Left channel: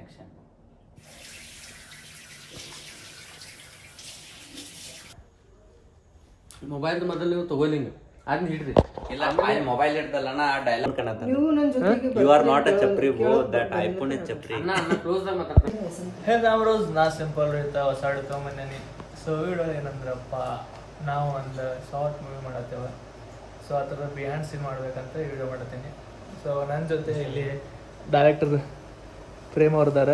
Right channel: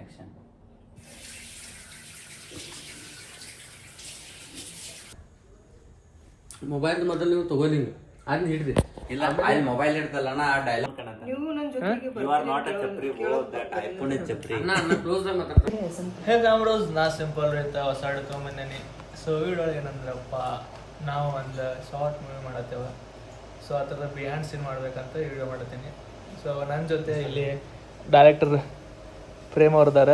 Action. Mobile ಮೊದಲು ನೀವು ತಗೊಳ್ಳಿ, ಅದನ್ನ ಹಿಡ್ರಿ. ಇಲ್ಲ ಅಲ್ಲಿ ಮೊಬೈಲ್ ಹಿಡ್ದಲ್ಲಣ್ಣ ಆ dialogue you are not a ಚಪ್ರಿ ಗೋ ದಟ್ ಐಫೋನ್ ಇಸ್ ಚಪ್ರಿ. ಹೇ ಕ್ಯಾಮ್ರೋಸ್, ನಾ ಸಿಂಪಲ್ ರೈತ ಹೊಸ ತಗೊಂಬಂದೇನಿ. ಸೊ ವಿಡಿಯೋ ಏನಂದ್ರಪ್ಪ, ನಾವು ಒಂದು ಶಾರ್ಟ್ ಮೂವಿ ಮಾಡತ್ತೇವ. ಸೊ ಆ ಥರ ಬಿಹೈಂಡ್ ಸೀನ್ ಮಾಡ್ಬೇಕಂತ ವಿಡಿಯೋ ಮಾಡತ್ತೀನಿ. ಸೊ ನನ್ನ ಜೊತೆ ಇಲ್ಲಿ ಡೈರೆಕ್ಟರ್ ಪ್ರೇಮ್ ಅವ್ರದಾರ.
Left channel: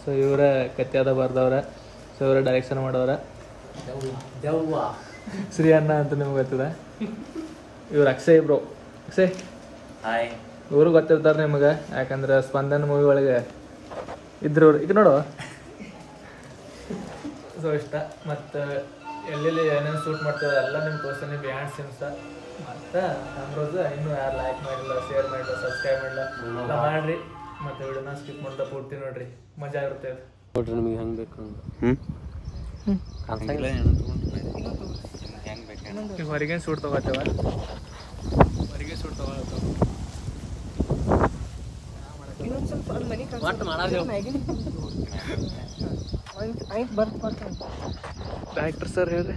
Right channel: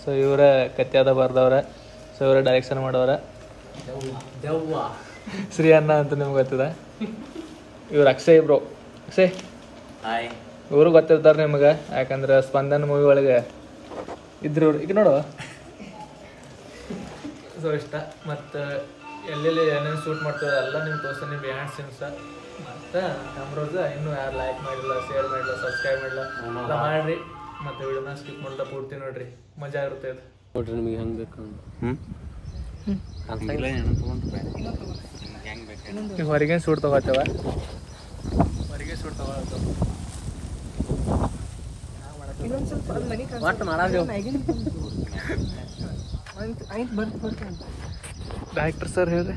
ಸೊ ಇವರ ಕತ್ಯಾದ ಬರ್ದವ್ರ. ಸೊ ಇವರ ಡೈರೆಕ್ಷನ್ ಮಾಡವ್ರ. ಶ್ರೀ ಅಣ್ಣ ಅಂತ ನಿಮ್ಗೆ ಗೊತ್ತಿದ. ಇವ್ರು ಅಕ್ಷಯ್ ಬ್ರೋ. ಅಕ್ಷಯ್ ಹಾಯ್. ಇವರು ಗೊತ್ತಿರ್ತಾರೆ ನಿಮ್ಗೆ, ಯಾಕಂದ್ರೆ ಸ್ಪಂದನ್ ಮೂವಿ ಒಳಗೆ ಇದ್ರು. ಈಗ ನೋಡುವ ಸೊ ಇಷ್ಟ. ಮತ್ತು ಎಲ್ಲೆಲ್ಲಿ ಏನೇನು ಶೂಟ್ ಮಾಡ್ತೀವಿ ಎಲ್ಲ ನಿಮ್ಗೆ ತೋರಿಸ್ತೀನಿ ಬಿಹೈಂಡ್ ಸೀನ್ಸ್. ಮತ್ತು ಕ್ಯಾಮ್ರೋಸ್ ಇನ್ನೂ ಯಾರು ಲೈಕ್ ಮಾಡಿಲ್ಲ, ಶೇರ್ ಮಾಡಿಲ್ಲ, ಸಬ್ಸ್ಕ್ರೈಬ್ ಮಾಡಿಲ್ಲ ಎಲ್ಲ ಮಾಡಿರಿ. ಮತ್ತು ವಿಡಿಯೋನ ಸ್ಕಿಪ್ ಮಾಡ್ತಾ ಪೂರ್ತಿ ನೋಡ್ರಿ, ಮಜಾ ಇರುತ್ತೆ ಇದು. ನೋಡ್ರಿ ನಿಮಗೆ ಹೆಂಗೆ ಬೇಕು ಈಗ ಹೊರಗೆ ಶೂಟ್ ತಗೋತೇವ, ಹೊರಗೆ ಶೂಟ್ ತಗೊಳತ್ತವ. ಡೈರೆಕ್ಟರ್ ಸರ್ ಹೇಳ್ರಿ.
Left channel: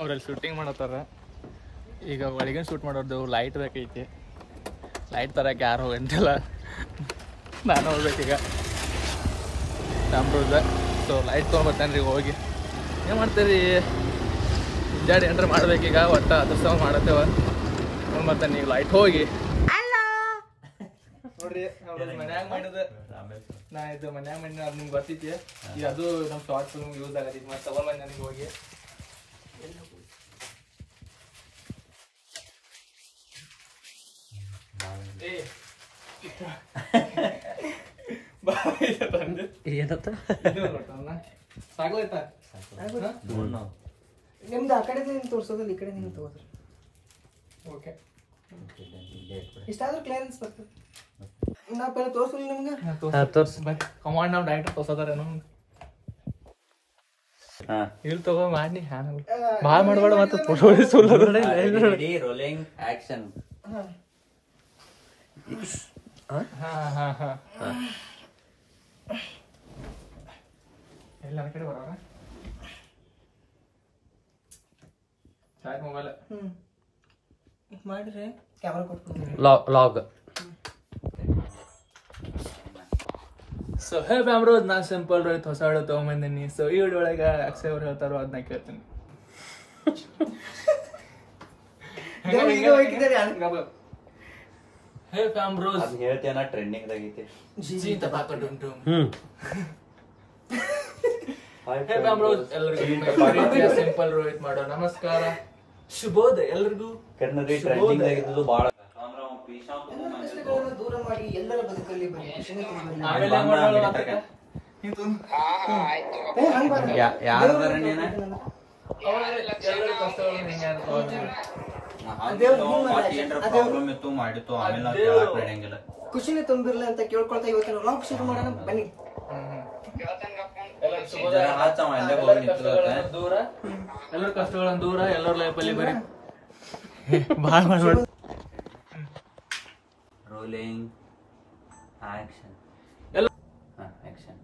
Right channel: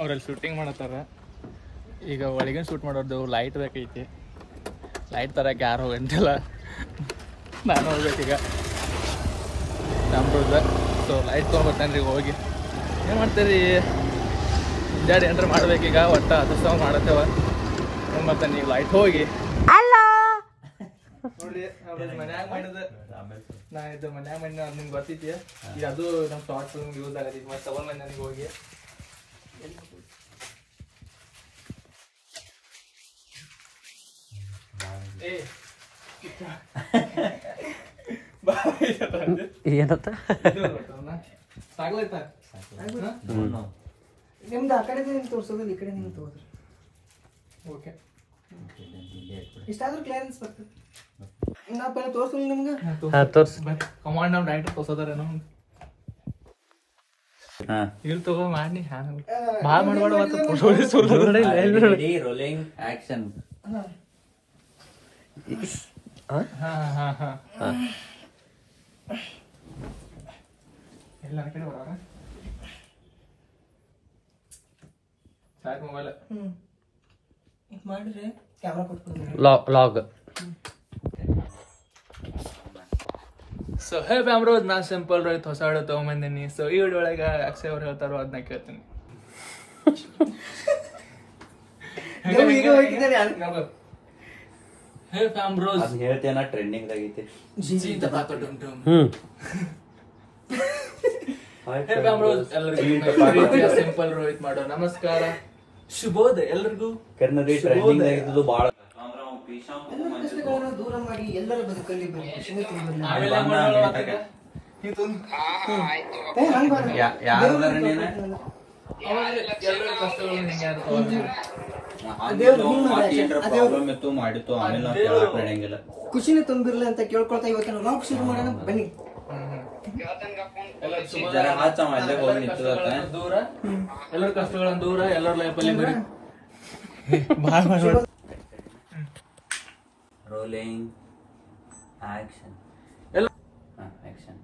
ಅವ್ರಲ್ಲಿ ಶೂಟಿಂಗ್ ಮಾಡತ್ತಾರ. ಈಗ ಒಳಗಿನ ಶೂಟ್ ಮಾಡೋದು ಲೈಟ್ ಬೇಕೈತಿ. ಲೈಟ್ ತರಕ್ಕೆ ಯಾರು ಹೋಗಂತಿಲ್ಲ, ನಾನು ಹೋಗ್ಬೇಕೀಗ ಕ್ಯಾಮ್ರೋಸ್. ಸೊ ಲೈಟ್ ತೊಗೊಂಬರ್ತೇನೆ ರೀ. ಹೋಗಿ ಏನು ಮಾಡ್ತೀರಿ, ಮುಂಜಾನೆ ಏನ್ರ ಮಾಡ್ಬೇಕೀಗ. ಒಟ್ಟು ಅದ್ರ ಮಾಡತ್ತೇವ ತೊಗೊಂಬರ್ತೇನೆ. ಈಗ ಲೈಟ್ ಹೋಗಿ ನೋಡ್ರಿ. ಮನ್ಯಾಗ ಮಾಡಿದ ನಾ ಇದು ಮನ್ಯಾಗ ಮಾಡಿ ಅದು ನಿಮ್ಗೆ ಬರ್ತೈತಿ. ಈಗ ಅದು ನಮ್ಮ ಶಾರ್ಟ್ ಯೂಸ್ ಆಗತ್ತೆ. ಈಗ ಮತ್ತೆ ತಗೊಂಡ್ ನನಗೆ ಹೋಗಿ ಏನತ್ತ ಸಾಗ್ಲೈತಾ ನಿಮ್ದು ಆ ಕಡೆ ತೋರ್ಸೋದಿಲ್ಲ, ಈ ಕಡೆ ನೀವು ತೋರಿಸ್ರಿ. ಓಕೆ, ಇಷ್ಟಾದ್ರೂ ಕ್ಲಿಯರೆನ್ಸ್ ಬರ್ತದೆ. ನಾವು ಪೈಲೆ ತೋರಿಸಲಿ ನಿಮ್ಗೆ. ತೋರ್ಸಿ ಕಮಾಂಡ್ ನಾವು ಡೈರೆಕ್ಟ್ ತೋರ್ಸೋದಾರ ನಮ್ಗೆ. ಇಲ್ಲಿ ತಗೋ ಮಾಡಿ ಭಾಳ ಮಾಡಬೇಡ. Rolling action. ಎಲ್ಲ ಕಡೆ ಬರೋಣ. ಸಾಕು ಮೊಬೈಲ್ ಮಾಡಿದ್ರೆ ಕ್ಯಾಮ್ರಾ ಕೊಟ್ಬಿಡ್ತೀನಿ. ಲಾಗ್. ಸೊ ಹೇ ಬ್ಯಾಮ್ರೋಸ್, ನಾ ಸಿಂಪಲ್ ರೋಹಿತ್ ಹೊಸ ವಿಡಿಯೋ ತಗೊಂಬಂದಿನಿ. ಸೊ ಈ ವಿಡಿಯೋ ಒಳಗೆ ಅಕ್ಷಯ್ ಅವ್ರು ಹೇಳ್ತಾರೋ ಅದನ್ನ ಕೇಳ್ತೀನಿ. ಹೇ ಬ್ಯಾಮ್ರೋಸ್ ಹೇಳ್ತೇನ ಟ್ರೆಂಡಿಂಗ್ ಆಗೈತಿ. ಹೇ ಬ್ಯಾಮ್ರೋಸ್, ಎಲ್ಲರಿಗೂ ಸಿಂಪಲ್ ರೋಹಿತ್ ಮಾಡೋ ನಮಸ್ಕಾರ, ಶುಭೋದಯ ಎಲ್ರಿಗೂ. ಕನ್ನಡಿ ಟ್ರೆಂಡಿಂಗ್ ಆಗಿದ್ದು ಬಾಳ. ದೂರ ಮಾಡಿ ಎಲ್ಲರ ಬದುಕಲ್ಲಿ ಖುಷಿನೇ ತುಂಬಿರ್ಲಿ ಅಂತ ಕೇಳ್ಕೊಳ್ತಾ ಇವತ್ತು ರಾಕ್ ಶುರು ಮಾಡೋಣ ಬನ್ನಿ. ದೂರ ಎಲ್ಲರ ಕಷ್ಟಗಳನ್ನ ದೂರ, ಎಲ್ಲರ ಲೈಫಲ್ಲಿ ಬರೀ ರೋಲಿಂಗ್ ಆಕ್ಷನ್. ಎಲ್ಲ ಆಕ್ಷನ್.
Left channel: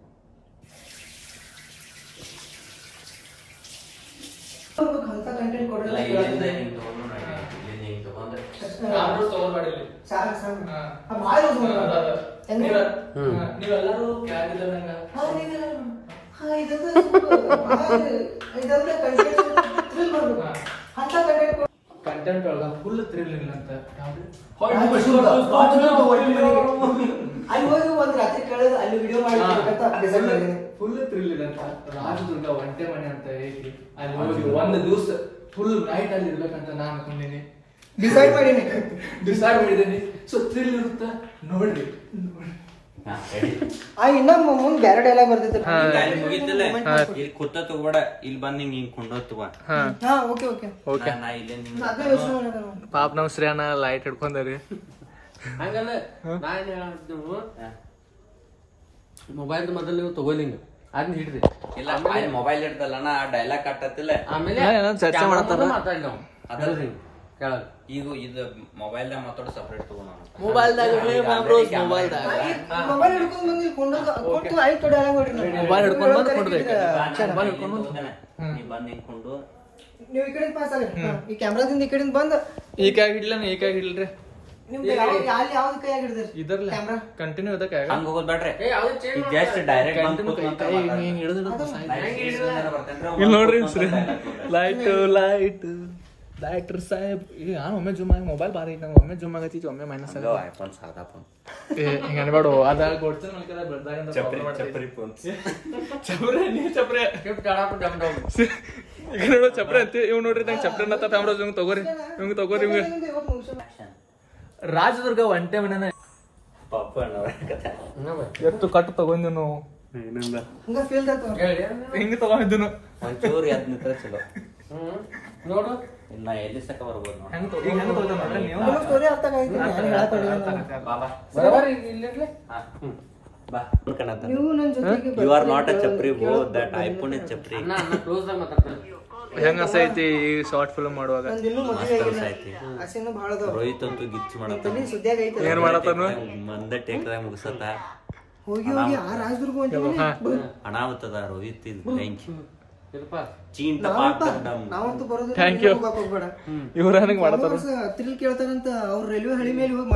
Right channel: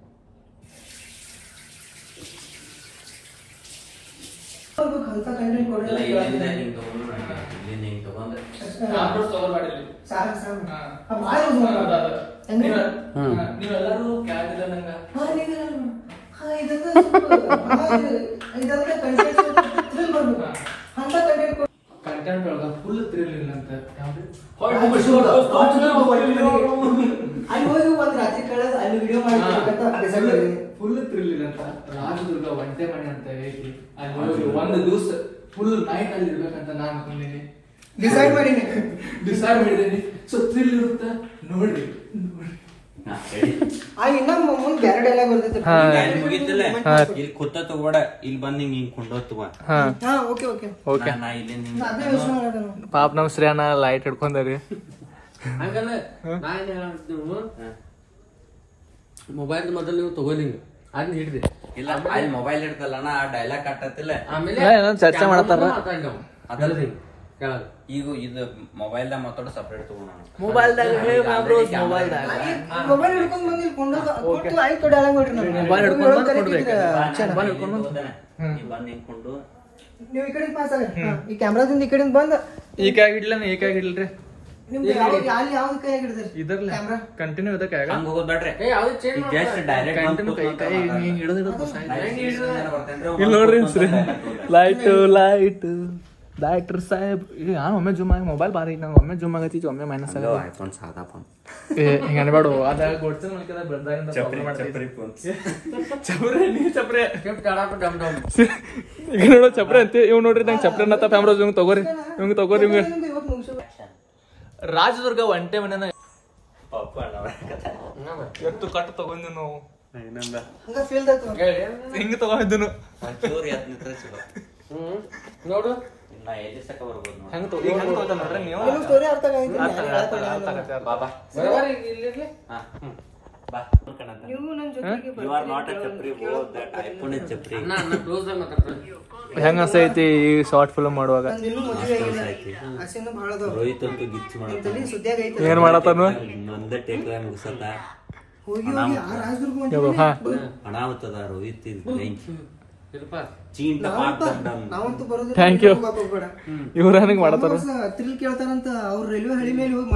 ಅಂತ ಕಂಟೆಂಟ್ ಕೊಡೋಣ. ನೀವೆಲ್ಲರೂ ಕೆಳಗಿದ್ದಂಗ ಕಂಟೆಂಟ್ ಒಳಗ ಫುಲ್ ಥ್ರಿಲ್ ಇಲ್ಲ ಅಂತ. ಅಲ್ಲಿ ಹೋಗಿ ಒಂದ್ ರಾತ್ರಿ ಕಳೆದ ಅಲ್ಲಿ ವಿಡಿಯೋ ಮಾಡಿ ಫುಲ್ ಥ್ರಿಲ್ ಇಲ್ಲ ಅಂತ. ರಾಜದುರ್ಗ ಒಂಟೆ ಮನೆ ಅಂತ ಐತಿ, ಅಲ್ಲಿ ಹೋಗಿ ಒಂದು ದಿವಸ ಫುಲ್ ನೈಟ್ ಅಲ್ಲಿ ಇರ್ಬೇಕಂತ ನಾನು ಅನ್ಕೊಂಡಿನಿ. ಡಿಸೈಡ್ ಮಾಡಿದ್ದೀನಿ. ಸೊ ಥ್ರಿಲ್ ಇರುತ್ತ ನೋಡ್ರಿ. ಇನ್ನ ಮುಂದ್ ಬ್ಯಾರೆ ಡೈಲಾಗ್ ಬರ್ತೈತೆ. ಇಲ್ಲಿ ಕುತ್ತ ತಗೋಬೇಡ, ಇಲ್ಲಿ ಬಂದ್ ಹಿಂಗ್ ಕುಂಡೋತ್ ತಗೋ. ಓಕೆ ಪಾಪ ನಮ್ ಶ್ರೇಯನ ಲೈಟ್ ಹಿಡ್ಕೊಂಡರಿ. ಹಂಗಲ್ಲ, ನಾ ಏನ್ ಹೇಳ ಮೊಬೈಲ್ ಮೊದಲು ನೀವು ತಗೊಳ್ಳಿ, ಅದನ್ನ ಹಿಡ್ದಿ ಇಲ್ಲ ಅಲ್ಲಿ ಮೊಬೈಲ್ ಇಡ್ತಲ್ಲಣ್ಣ ಆ ಡೈಲಾಗ್ ಕಟ್ಟತ್ತಿಲ್ಲ ಏನೋ ಚರ್ಚೆ ಮಾಡತ್ತಾರ ಈಗ ಇದು ಮೊಬೈಲ್ ದಾಗ ಮಾತಾಡೋ ಸಪ್ರೇಟ್ ತಗೋಣ ಮೊಬೈಲ್ದಾಗ ಮೊಬೈಲ್ದಾಗ ಮೊಬೈಲ್ ಹಿಡ್ಕೊಂಡ್ ಬಂದು ಇಲ್ಲಿ ಕೊಟ್ಟು ಆಯ್ತು ಡೈಲಾಗ್ ಮಾಡ್ರಿ ನಾವು ಮೊಬೈಲ್ ಹಿಡ್ಕೊಂಡ್ ಬಂದು ಕೊಡ್ಬೇಕು ಮೊಬೈಲ್ ಹಿಡ್ಕೊಂಡ್ ನೀ ಬಂದ್ ನಿಂತ್ಕೊಂಡು ನೀವು ಈ ಕಡೆ ಪಾಸ್ ಆಗ ಈ ಕ್ಯಾಮ್ರಾದಿಂದ ಈ ಕಡೆಯಿಂದ ಬಂದು ಈ ಕೈ ಹಿಡ್ಲನ ಈ ಕೈ ಹಿಡ್ಲ್ರಿ ನಿಮ್ಗೆ ಯಾವ್ದು ಕೈ ಹಿಡಿದ್ರಿ ಇದರ್ಲ ಕ್ಯಾಮ್ರಾ ಕಂಟಿನ್ಯೂ ಇದಕ್ಕೆ ಆಗ ಹಂಗ ಹೋಗ್ಬೇಡ್ರಿ ಜಸ್ಟ್ ಡೈರೆಕ್ಟ್ ಕಂಟಿನ್ಯೂ ಕೈ ಹಿಂಗ್ ಹಿಡಿದು ಇಲ್ಲಿ ನೋಡ್ರಿ ಲೈಟರ್ ಸಾಹೇಬ್ ಈಗ ಒಮ್ಮೆ ಜೂಮ್ ಆಗಿ ಮೊಬೈಲ್ ಬಾರಿ ನಂಗೆ ಒಮ್ಮೆ ಜೂಮ್ ಆಗತ್ತಿ ಒಮ್ಮೆ ಮೈನಸ್ ಆಗ ಹಿಂಗ ಅನ್ಬೇಡ ಅದ ಗೊತ್ತಿನ ಮಲ್ಕದ ಬೆಳ್ದಾಗಿಂದ ಪ್ರಾಬ್ಲಮ್ ಮಾಡ್ತಿದ್ರಿ ಚಪ್ರೆ ನೀ ಚಪ್ರೆ ಈಗ ನೋಡೋ ಚಪ್ರೆ ಅಂತ ಇವ್ ನೋಡ್ರಿ ನಂಗೆ ಚಪ್ರೆ ಅನ್ನತ್ತ ಫ್ಯಾಮ್ರೋಸ್ ಇವಂಗ್ ತಗೋರಿ ಇವಂಗ ರಾಜದುರ್ಗ ಒಂಟೆ ಮನೆನ ಎತ್ತು ಕಟ್ಟು ತಗೊಂಡು ನಾವು ಹಿಂಗ ತಗೊಂಡಿದ್ದು ಒಂಚೂರು ಎದ್ ನಿಂತ್ರೆ ಚಲೋ ನೋಡು ಇನ್ನ ಎಲ್ಲಿ ಸಕ ಬರ್ಬೋದು ಹೆಂಗ್ ತಗೋತ ನೋಡ್ರಿ ನೀವು ಸ್ಟೋರಿ ಅರ್ಥ ಆಯ್ತು ಬಾಬಾ ಬಾ ನೀವು ನನ್ನ ಜೊತೆಗೆ you are not a chapri ಹೋ ದಟ್ ಐಫೋನ್ ಇಸ್ ಚಪ್ರಿ ಹೆಂಗ ಅನ್ಸೈತಿ ಈ ಶಾರ್ಟ್ ಫಿಲ್ಮ್ ಮಾಡುವಾಗ ಆಸೆನೂ ಬಹಳ ಅದಾವ. ರೋಹಿತ್ ಅಂತೂ ಗಿಚ್ಚು ಮಾಡತ್ತ ಸುದ್ದಿಯಾಗ ಐತೆ ಏನ್ ಮಾಡತ್ತಾನು ಮಂದ ಟೇಕ್ದಾಗ ಮುಗಿಸತ್ತ ಹೋಗಿ ಆ ರಾಜದುರ್ಗ ಹೊಂಟಿವಿ. ಅನಾಹುತದ ರೋಹಿತ್ ಇದು ಬೆಂಕಿ ಚೀಂಟ ಪಾಟ್ ಡಮ್ ನಾವಂತೂ ಬರೋದಿಲ್ಲ. ಥ್ಯಾಂಕ್ ಯು ಹೋಗ್ಬೇಡ. ಇವ್ರ ನನಗೆ ಮಾಡತ್ತಾರ ಥ್ರಿಲ್ ಕೇಳ್ತಾರಂತ ಅವ್ರ ರೈಲ್ವೆ ಹಳಿ ಮೇಲೆ ಹೋಗಿ